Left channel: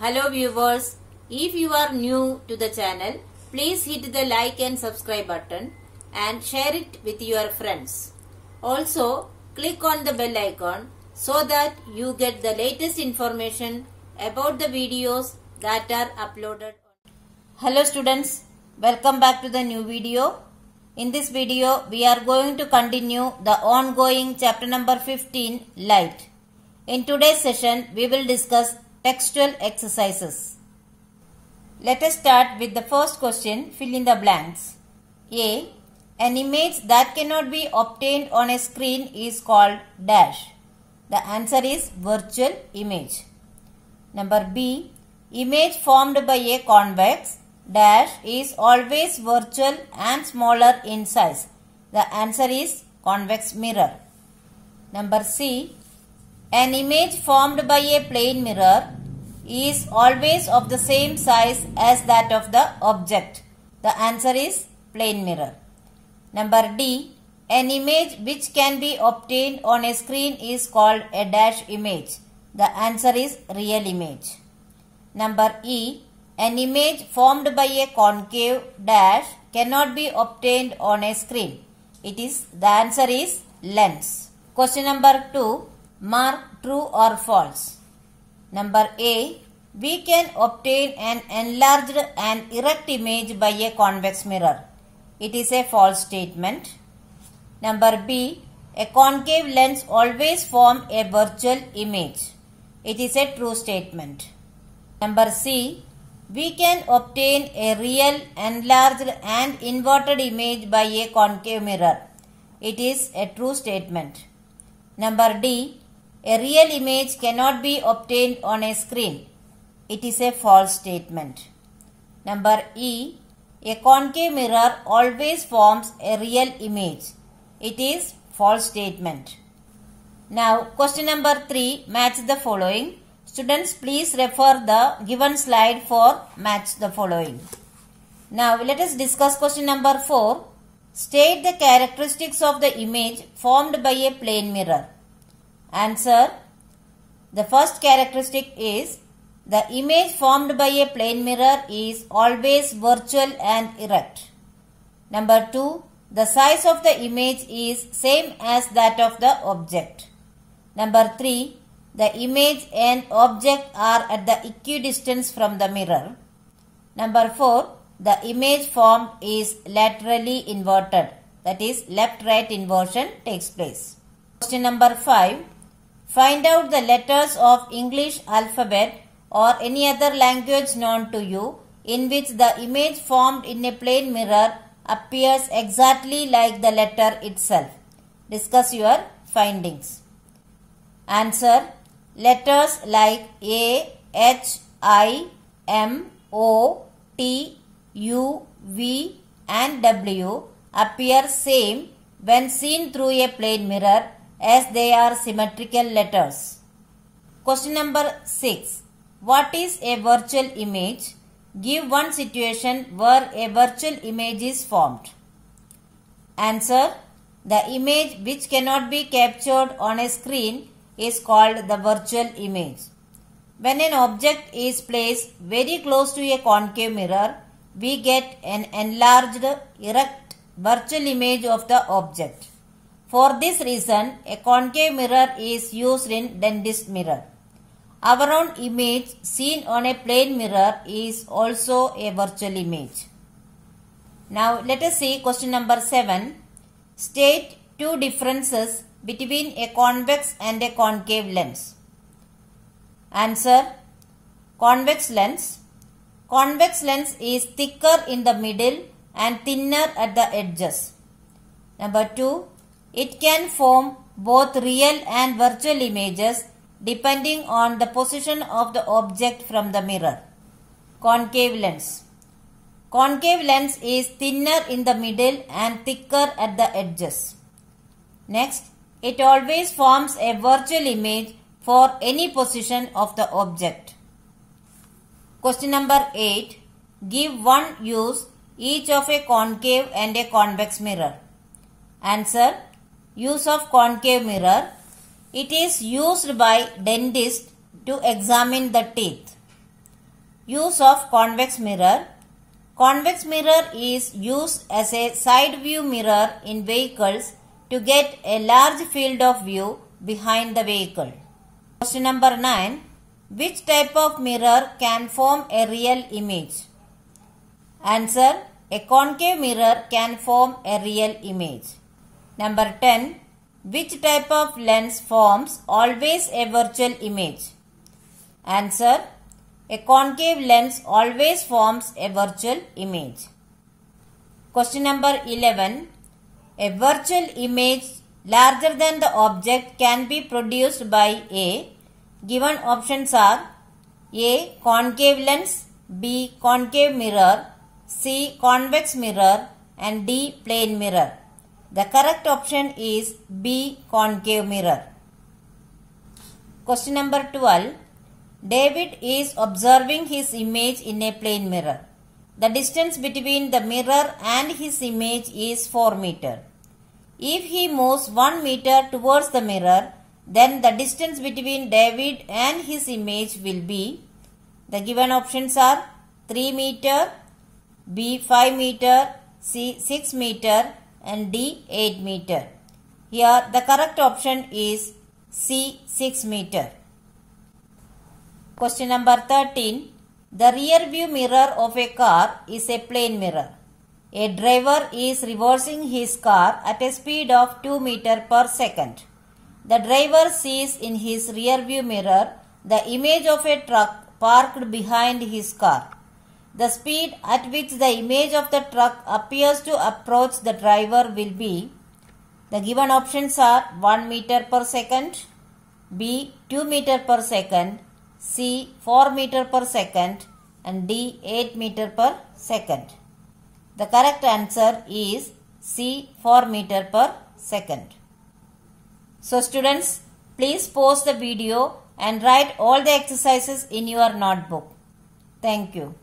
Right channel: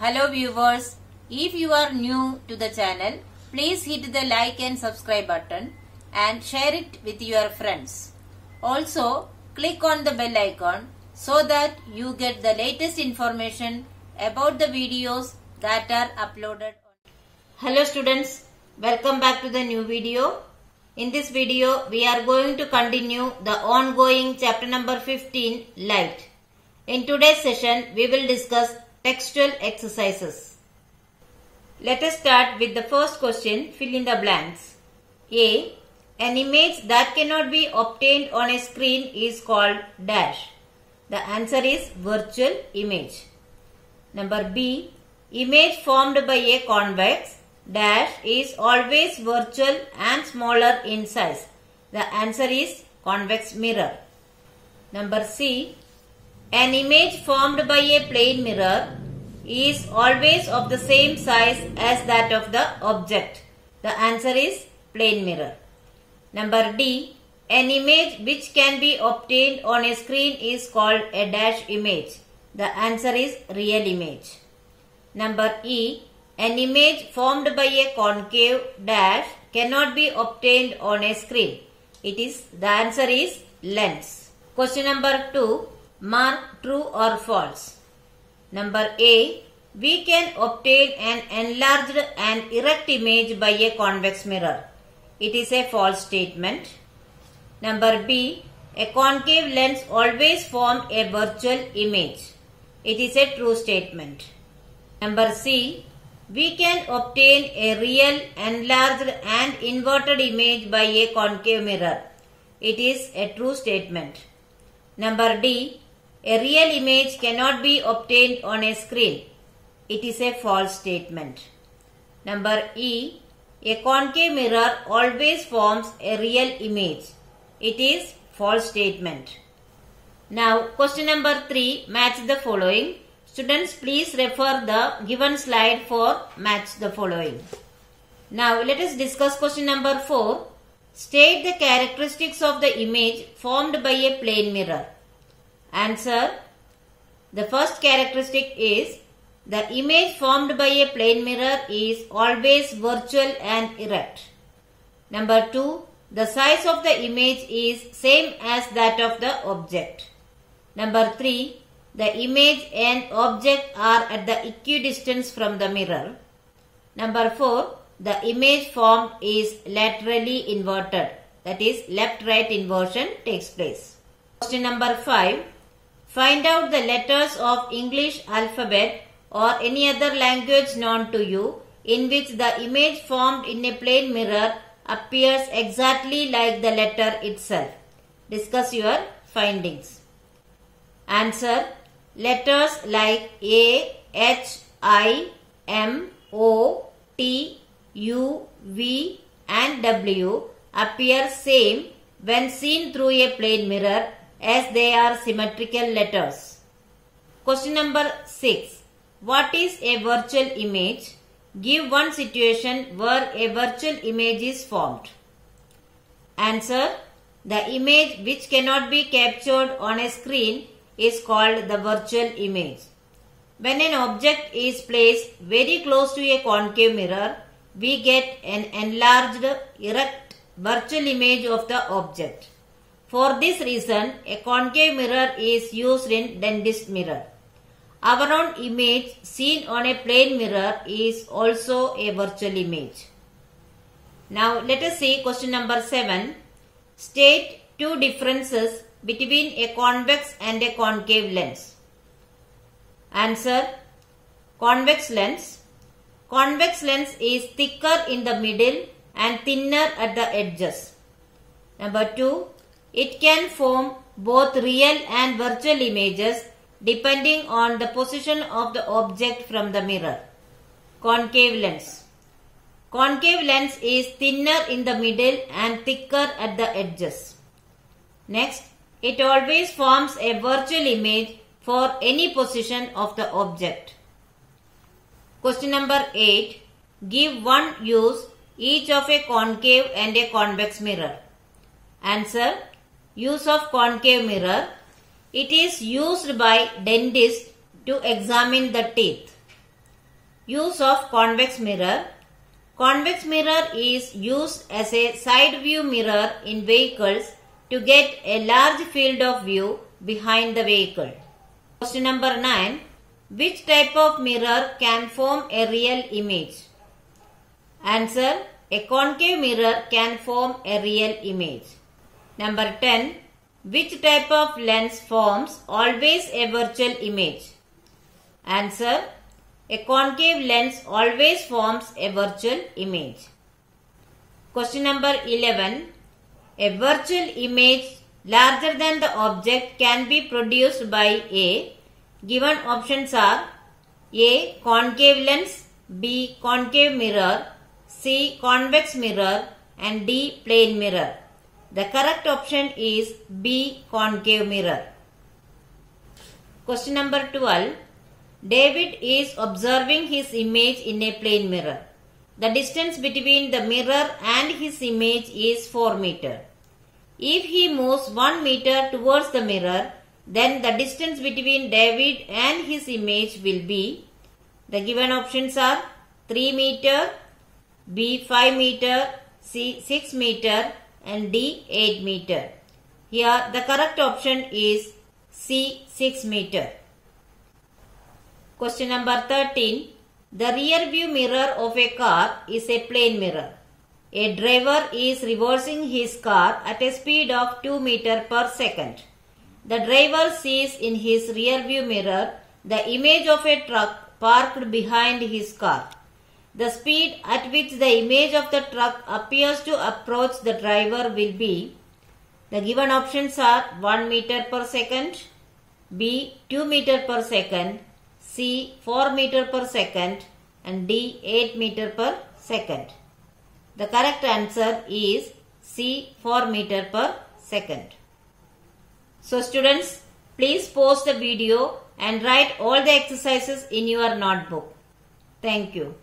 Hello viewers, if you are new to the channel, please hit the like and subscribe button and share it with your friends. Also, click on the bell icon so that you get the latest information about the videos that are uploaded. Hello students, welcome back to the new video. In this video, we are going to continue the ongoing chapter number 15, Light. In today's session, we will discuss textual exercises. Let us start with the first question, fill in the blanks. A. An image that cannot be obtained on a screen is called dash. The answer is virtual image. Number B. Image formed by a convex dash is always virtual and smaller in size. The answer is convex mirror. Number C. An image formed by a plane mirror is always of the same size as that of the object. The answer is plane mirror. Number D. An image which can be obtained on a screen is called a dash image. The answer is real image. Number E. An image formed by a concave dash cannot be obtained on a screen. The answer is lens. Question number 2. Mark true or false. Number A. We can obtain an enlarged and erect image by a convex mirror. It is a false statement. Number B. A concave lens always forms a virtual image. It is a true statement. Number C. We can obtain a real, enlarged and inverted image by a concave mirror. It is a true statement. Number D. A real image cannot be obtained on a screen. It is a false statement. Number E. A concave mirror always forms a real image. It is false statement. Now question number 3, match the following. Students, please refer the given slide for match the following. Now let us discuss question number 4. State the characteristics of the image formed by a plane mirror. Answer. The first characteristic is the image formed by a plane mirror is always virtual and erect. Number 2. The size of the image is same as that of the object. Number 3. The image and object are at the equidistance from the mirror. Number 4. The image formed is laterally inverted. That is, left-right inversion takes place. Question number 5. Find out the letters of English alphabet or any other language known to you in which the image formed in a plane mirror appears exactly like the letter itself. Discuss your findings. Answer. Letters like A, H, I, M, O, T, U, V and W appear same when seen through a plane mirror as they are symmetrical letters. Question number 6. What is a virtual image? Give one situation where a virtual image is formed. Answer. The image which cannot be captured on a screen is called the virtual image. When an object is placed very close to a concave mirror, we get an enlarged, erect virtual image of the object. For this reason, a concave mirror is used in dentist mirror. Our own image seen on a plane mirror is also a virtual image. Now let us see question number 7. State two differences between a convex and a concave lens. Answer. Convex lens. Convex lens is thicker in the middle and thinner at the edges. Number 2. It can form both real and virtual images depending on the position of the object from the mirror. Concave lens. Concave lens is thinner in the middle and thicker at the edges. Next, it always forms a virtual image for any position of the object. Question number 8. Give one use each of a concave and a convex mirror. Answer. Use of concave mirror. It is used by dentists to examine the teeth. Use of convex mirror. Convex mirror is used as a side view mirror in vehicles to get a large field of view behind the vehicle. Question number 9. Which type of mirror can form a real image? Answer. A concave mirror can form a real image. Number 10. Which type of lens forms always a virtual image? Answer. A concave lens always forms a virtual image. Question number 11. A virtual image larger than the object can be produced by A. Given options are A. Concave lens, B. Concave mirror, C. Convex mirror and D. Plane mirror. The correct option is B. Concave mirror. Question number 12. David is observing his image in a plane mirror. The distance between the mirror and his image is 4 meters. If he moves 1 meter towards the mirror, then the distance between David and his image will be, the given options are 3 meter, B 5 meter, C 6 meter and D 8 meter. Here the correct option is C 6 meter. Question number 13. The rear view mirror of a car is a plane mirror. A driver is reversing his car at a speed of 2 meters per second. The driver sees in his rear view mirror the image of a truck parked behind his car. The speed at which the image of the truck appears to approach the driver will be, the given options are 1 meter per second, B 2 meter per second, C 4 meter per second and D 8 meter per second. The correct answer is C 4 meter per second. So students, please pause the video and write all the exercises in your notebook. Thank you.